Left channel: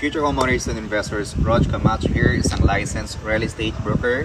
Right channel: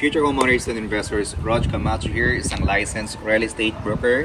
future homeowners and investors. Rog Camacho here, isang licensed real estate broker.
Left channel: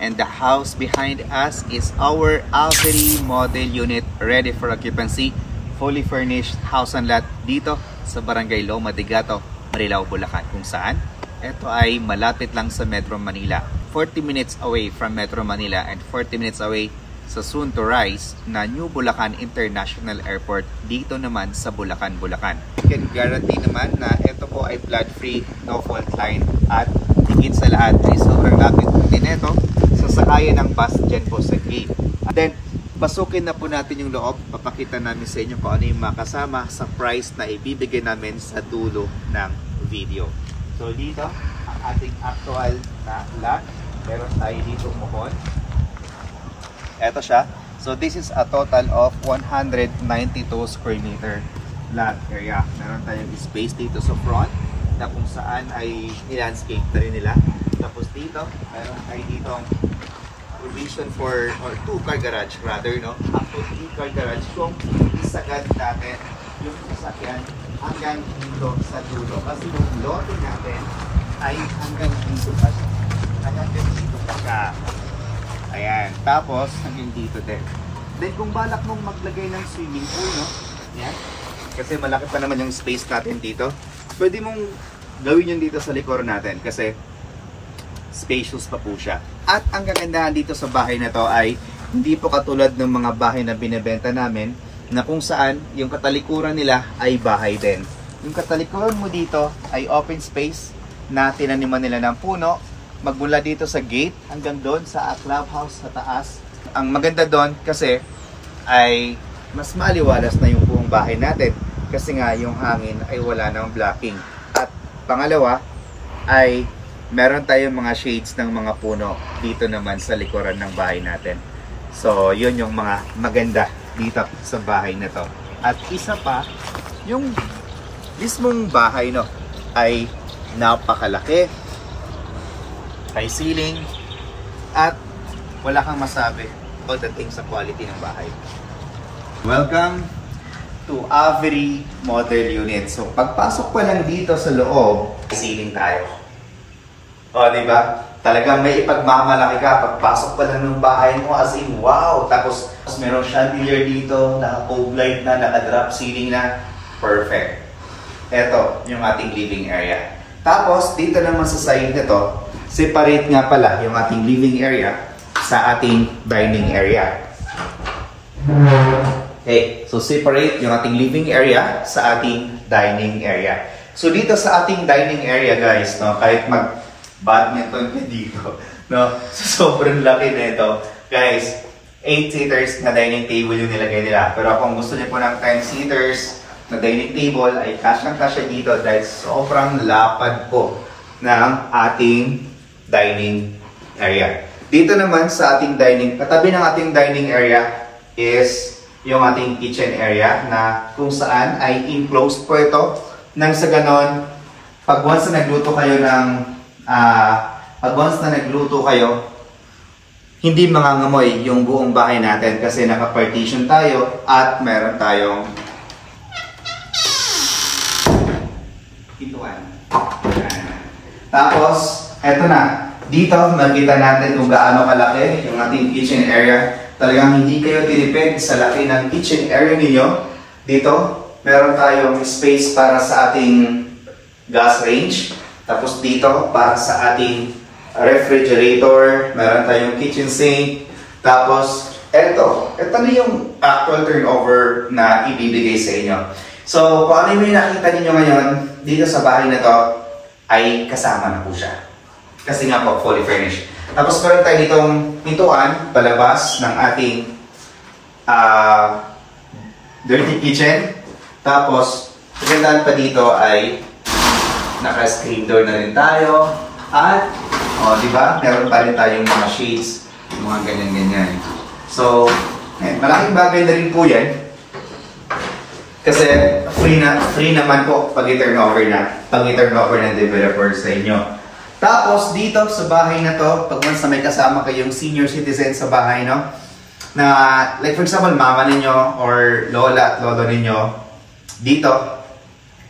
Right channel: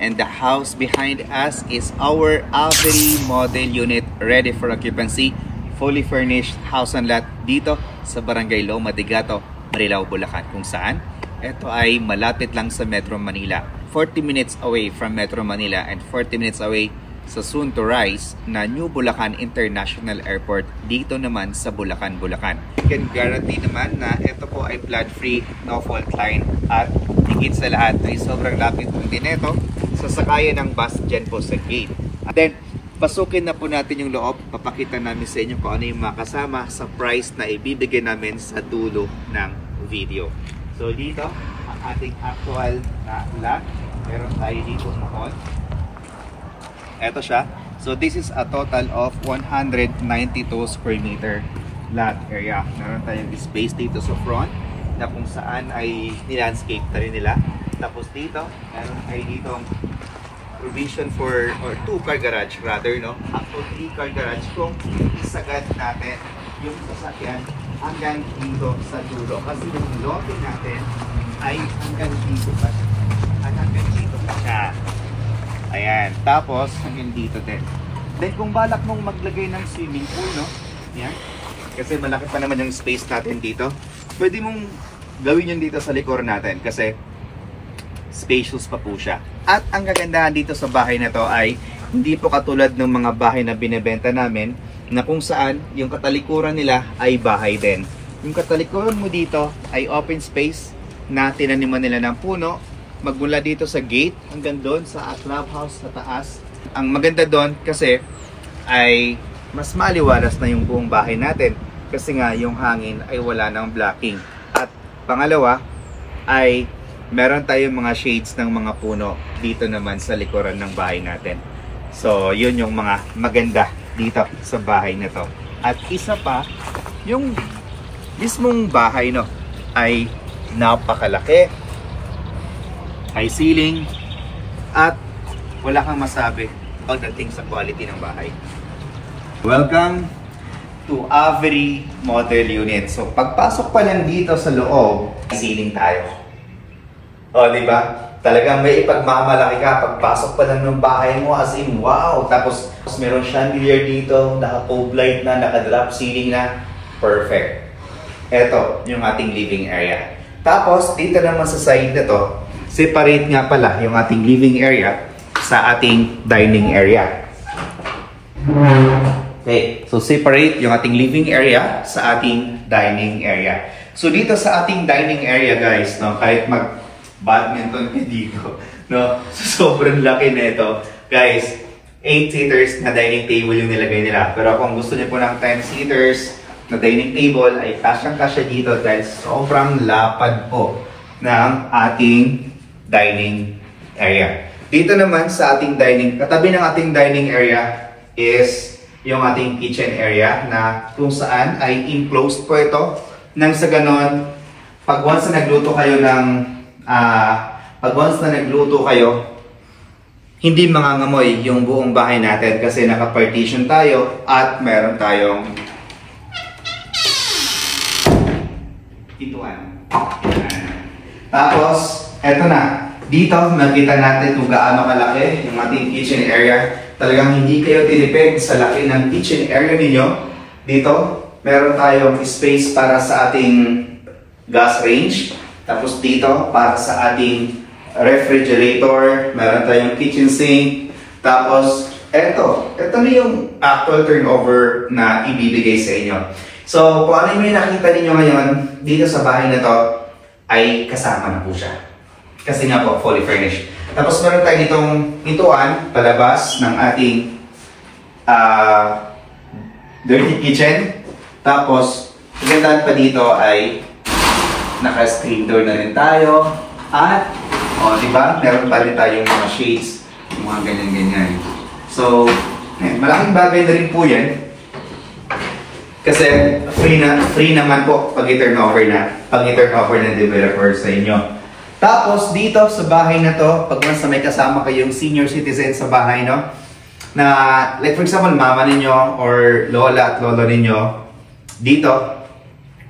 And the house behind us is our Avery model unit ready for occupancy. Fully furnished house and lot dito sa Barangay Loma de Gato, Marilao, Bulacan. Kung saan, ito ay malapit lang sa Metro Manila. 40 minutes away from Metro Manila and 40 minutes away sa soon to rise na New Bulacan International Airport dito naman sa Bulacan, Bulacan. I can guarantee naman na ito po ay flood-free, no fault line at higit sa lahat ay sobrang lapit din ito sa sakayan ng bus dyan po sa gate. And then, pasukin na po natin yung loob. Papakita namin sa inyo kung ano yung makasama sa price na ibibigay namin sa dulo ng video. So dito, ang ating actual na lot. Meron tayo dito mukon. Ito siya. So this is a total of 192 square meter lot area. Meron tayong space dito sa front na kung saan ay nilandscape na rin nila. Tapos dito, meron tayo dito provision for, or 2-car garage rather, no? Up to 3-car garage kung isagad natin yung sasakyan hanggang dito sa dulo. Kasi yung lote natin ay hanggang dito pa siya. Hanggang dito pa siya. Ayan. Tapos, hanggang dito din. Then, kung balak mong maglagay ng swimming pool, no? Yan. Kasi malaki pa naman yung space natin dito. Pwede mong gawin yun dito sa likod natin kasi spacious pa po siya. At ang kagandahan dito sa bahay na to ay hindi po katulad ng mga bahay na binebenta namin na kung saan yung katalikuran nila ay bahay din. Yung katalikuran mo dito ay open space na tinaniman nila ng puno. Magmula dito sa gate hanggang doon sa clubhouse sa taas. Ang maganda doon kasi ay mas maliwalas na yung buong bahay natin kasi nga yung hangin ay wala nang blocking. At pangalawa ay meron tayong mga shades ng mga puno dito naman sa likuran ng bahay natin. So yun yung mga maganda dito sa bahay na to. At isa pa, yung mismong bahay no ay napakalaki. High ceiling at wala kang masabi pagdating sa quality ng bahay. Welcome to Avery model unit. So pagpasok pa lang dito sa loob, ceiling tayo. O, di ba? Talagang may ipagmamalaki ka pagpasok pa lang ng bahay mo as in wow. Tapos meron chandelier dito, naka-cove light na, naka-drop ceiling na. Perfect. Ito yung ating living area. Tapos dito naman sa side nito, separate nga pala yung ating living area sa ating dining area. Okay, so separate yung ating living area sa ating dining area. So dito sa ating dining area guys, no, kahit mag-badminton ka dito, no, so sobrang laki nito. Guys, 8-seaters na dining table yung nilagay nila. Pero kung gusto niyo po ng 10-seaters na dining table ay kasyang-kasya dito dahil sobrang lapad po ng ating dining area. Dito naman sa ating dining, katabi ng ating dining area is yung ating kitchen area na kung saan ay enclosed po ito. Nang sa ganon, pag once na nagluto kayo, hindi mangangamoy yung buong bahay natin kasi naka-partition tayo at meron tayong pintuan. Tapos, eto na. Dito, nakita natin kung gaano kalaki yung ating kitchen area. Talagang hindi kayo tinipid sa laki ng kitchen area ninyo. Dito, meron tayong space para sa ating gas range. Tapos dito, para sa ating refrigerator. Meron tayong kitchen sink. Tapos, eto na yung actual turnover na ibibigay sa inyo. So, kung ano yung nakita ninyo ngayon, dito sa bahay na to, ay kasama na po siya. Kasi nga po, fully furnished. Tapos meron tayo ditong pintuan, palabas ng ating dirty kitchen. Tapos, pagandaan pa dito ay naka-screen door na rin tayo. At, diba, meron pa rin tayong mga shades, mga ganyan-ganyan. So, malaking bagay na rin po yan. Kasi free naman po pag i-turn over ng developer sa inyo. Tapos dito sa bahay na to, pag once na may kasama kayong senior citizen sa bahay, no? Na like for example, mama ninyo or lola at lolo ninyo, dito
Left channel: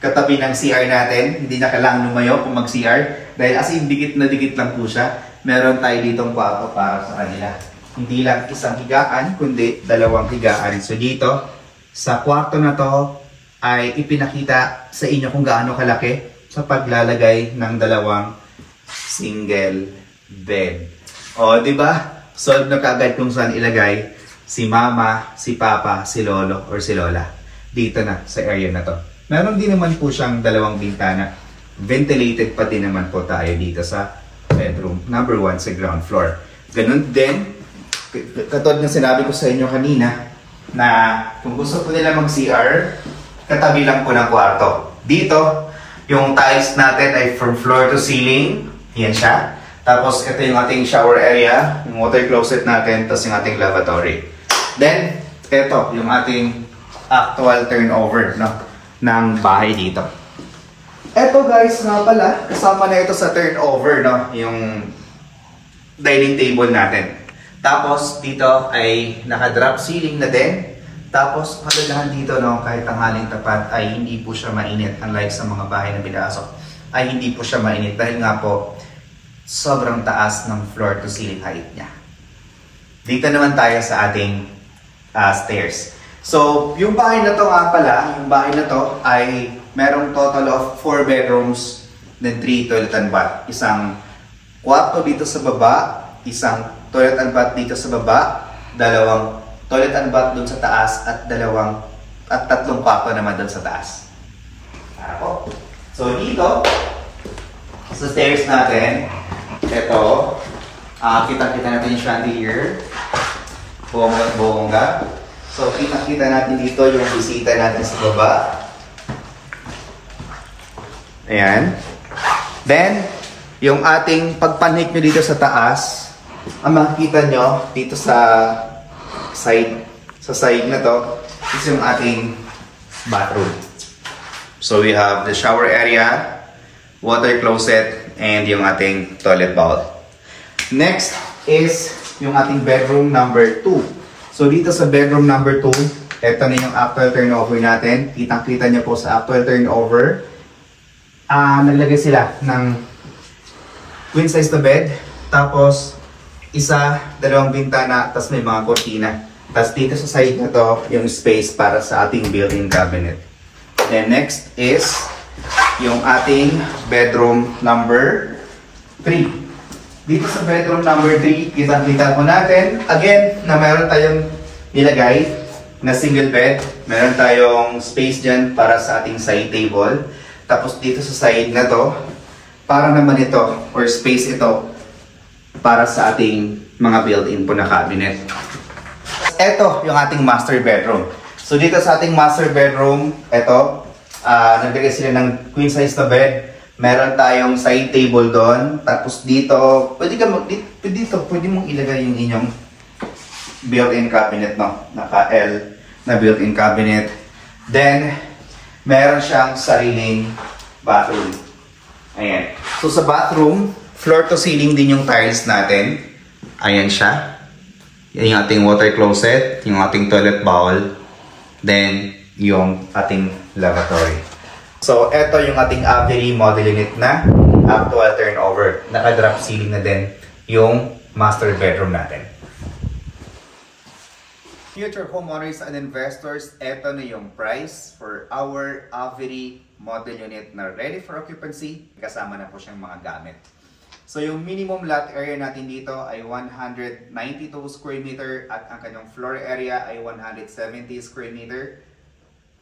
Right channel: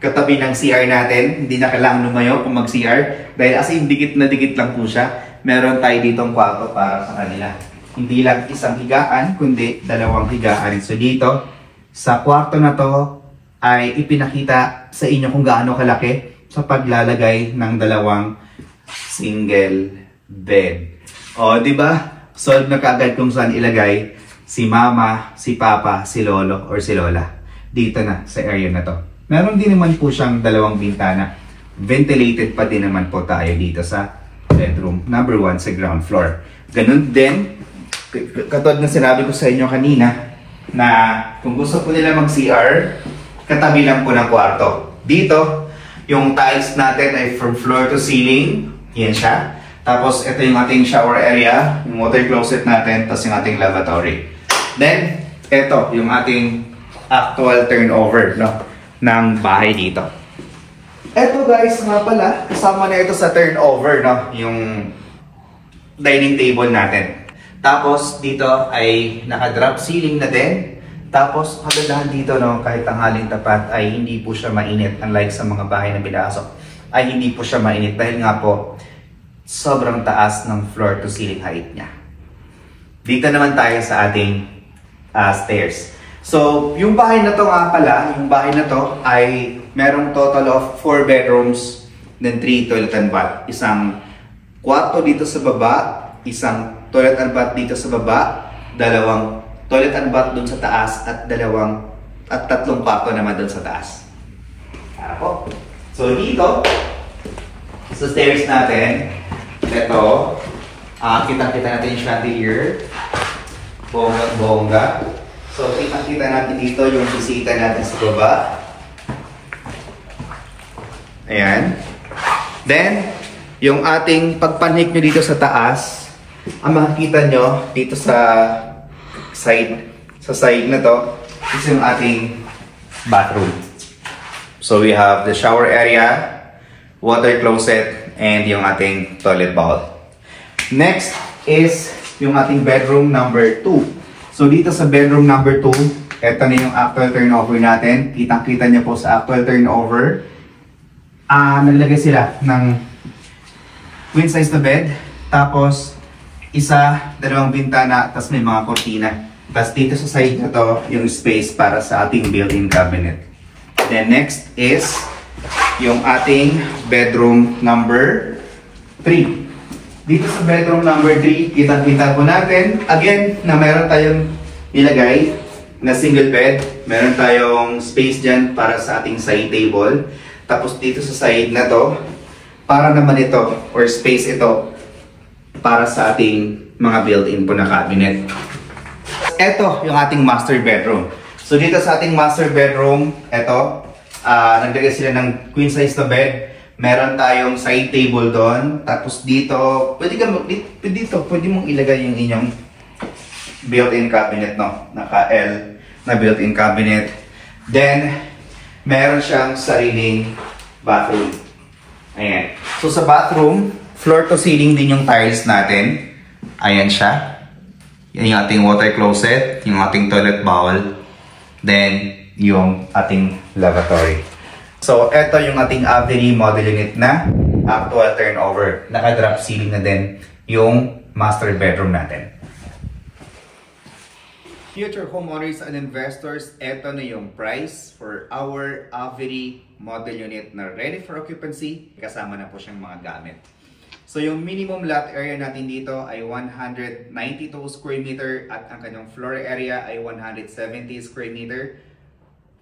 katabi ng CR natin. Hindi na kailangan lumayo kung mag-CR. Dahil as in, dikit na dikit lang po siya. Meron tayo ditong kwarto para sa kanila. Hindi lang isang higaan, kundi dalawang higaan. So dito, sa kwarto na to, ay ipinakita sa inyo kung gaano kalaki sa paglalagay ng dalawang single bed. O, di ba? Solve na kaagad kung saan ilagay si mama, si papa, si lolo, or si lola. Dito na, sa area na to. Meron din naman po siyang dalawang bintana. Ventilated pa din naman po tayo dito sa bedroom number 1 sa ground floor. Ganun din, katulad ng sinabi ko sa inyo kanina, na kung gusto po nila mag-CR, katabi lang po ng kwarto. Dito, yung tiles natin ay from floor to ceiling. Yan siya. Tapos, ito yung ating shower area, yung water closet natin, tapos yung ating lavatory. Then, ito yung ating actual turnover, no, ng bahay dito. Ito guys, nga pala, kasama na ito sa turnover, no, yung dining table natin. Tapos, dito ay naka-drop ceiling na din. Tapos, kagandahan dito, no, kahit tanghaling tapat ay hindi po siya mainit. Unlike sa mga bahay na binasok, ay hindi po siya mainit dahil nga po, sobrang taas ng floor to ceiling height niya. Dito naman tayo sa ating stairs. So, yung bahay na to nga pala, yung bahay na to ay merong total of 4 bedrooms, then 3 toilet and bath. Isang kwarto dito sa baba, isang toilet and bath dito sa baba, dalawang toilet and bath dun sa taas, at tatlong kwarto naman dun sa taas. Ako. So dito, sa stairs natin, ito, kita-kita natin yung chandelier, bongga. So kita-kita natin dito yung bisita natin sa baba. Ayan. Then, yung ating pagpanhik nyo dito sa taas, ang makikita nyo dito sa side na to is yung ating bathroom. So we have the shower area, water closet, and yung ating toilet bowl. Next is yung ating bedroom number 2. So dito sa bedroom number 2, ito na yung actual turnover natin. Kitang-kita nyo po sa actual turnover. Naglagay sila ng queen size na bed, tapos dalawang bintana, tapos may mga kortina. Tapos dito sa side na to, yung space para sa ating built-in cabinet. Then next is yung ating bedroom number 3. Dito sa bedroom number 3, kitang-kita po natin, again, na meron tayong nilagay na single bed. Meron tayong space dyan para sa ating side table. Tapos dito sa side na to, para naman ito, or space ito, para sa ating mga built-in po na cabinet. Ito yung ating master bedroom. So dito sa ating master bedroom, ito, naglagay sila ng queen size na bed. Meron tayong side table doon. Tapos dito, pwede mong ilagay yung inyong built-in cabinet, no? Naka-L na built-in cabinet. Then, meron siyang sariling bathroom. Ayan. So sa bathroom, floor to ceiling din yung tiles natin. Ayan siya. Yan yung ating water closet, yung ating toilet bowl, then yung ating lavatory. So, ito yung ating Avery model unit na actual turnover. Naka-drop ceiling na din yung master bedroom natin. Future homeowners and investors, ito na yung price for our Avery model unit na ready for occupancy. Kasama na po siyang mga gamit. So yung minimum lot area natin dito ay 192 square meter at ang kanyang floor area ay 170 square meter.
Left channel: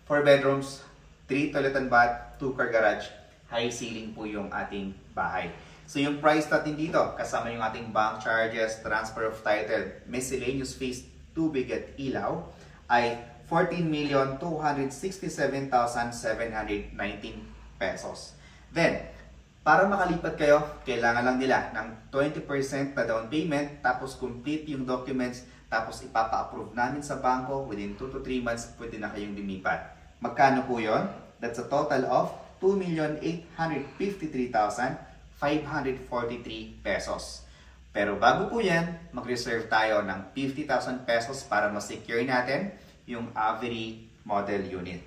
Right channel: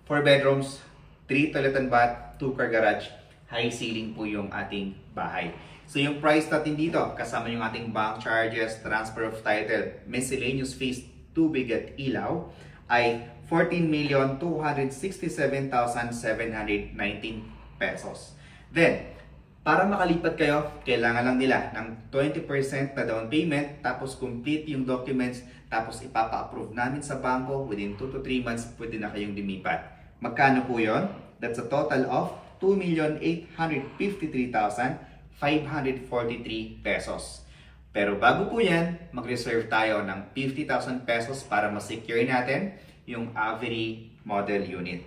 4 bedrooms, 3 toilet and bath, 2 car garage, high ceiling po yung ating bahay. So yung price natin dito, kasama yung ating bank charges, transfer of title, miscellaneous fees, tubig at ilaw, ay 14,267,719 pesos. Then, para makalipat kayo, kailangan lang nila ng 20% na down payment, tapos complete yung documents, tapos ipapa-approve namin sa bangko, within 2 to 3 months, pwede na kayong lumipat. Magkano po yun? That's a total of 2,853,543 pesos. Pero bago po yan, mag-reserve tayo ng 50,000 pesos para ma-secure natin yung Avery model unit.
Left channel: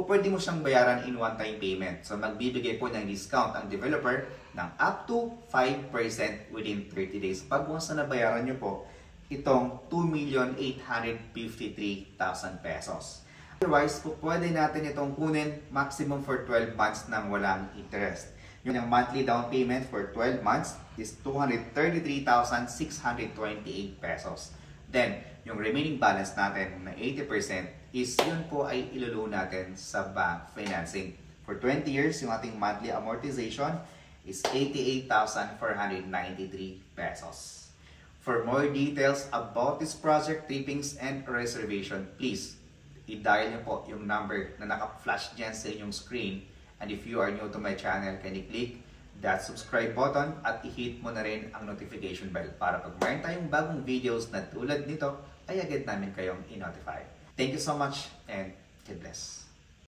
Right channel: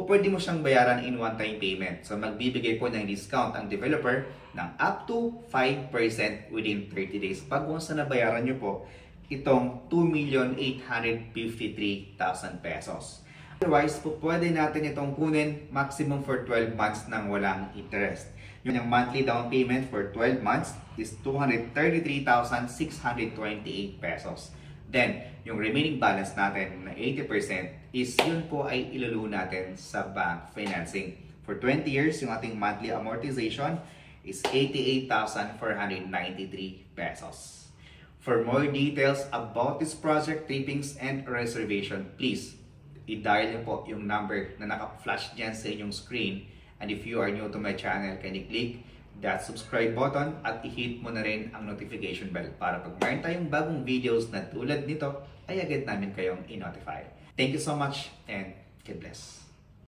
pwede mo siyang bayaran in one-time payment. So magbibigay po ng discount ang developer ng up to 5% within 30 days. Pag once na nabayaran nyo po, itong 2,853,000 pesos. Otherwise, pwede natin itong kunin maximum for 12 months nang walang interest. Yung monthly down payment for 12 months is 233,628 pesos. Then, yung remaining balance natin na 80% is yun po ay iluluho natin sa bank financing. For 20 years, yung ating monthly amortization is 88,493 pesos. For more details about this project, tapings, and reservation, please i-dial niyo po yung number na naka-flash dyan sa inyong screen. And if you are new to my channel, can you click that subscribe button at i-hit mo na rin ang notification bell para pag mayroon tayong bagong videos na tulad nito, ay agad namin kayong i-notify. Thank you so much and God bless.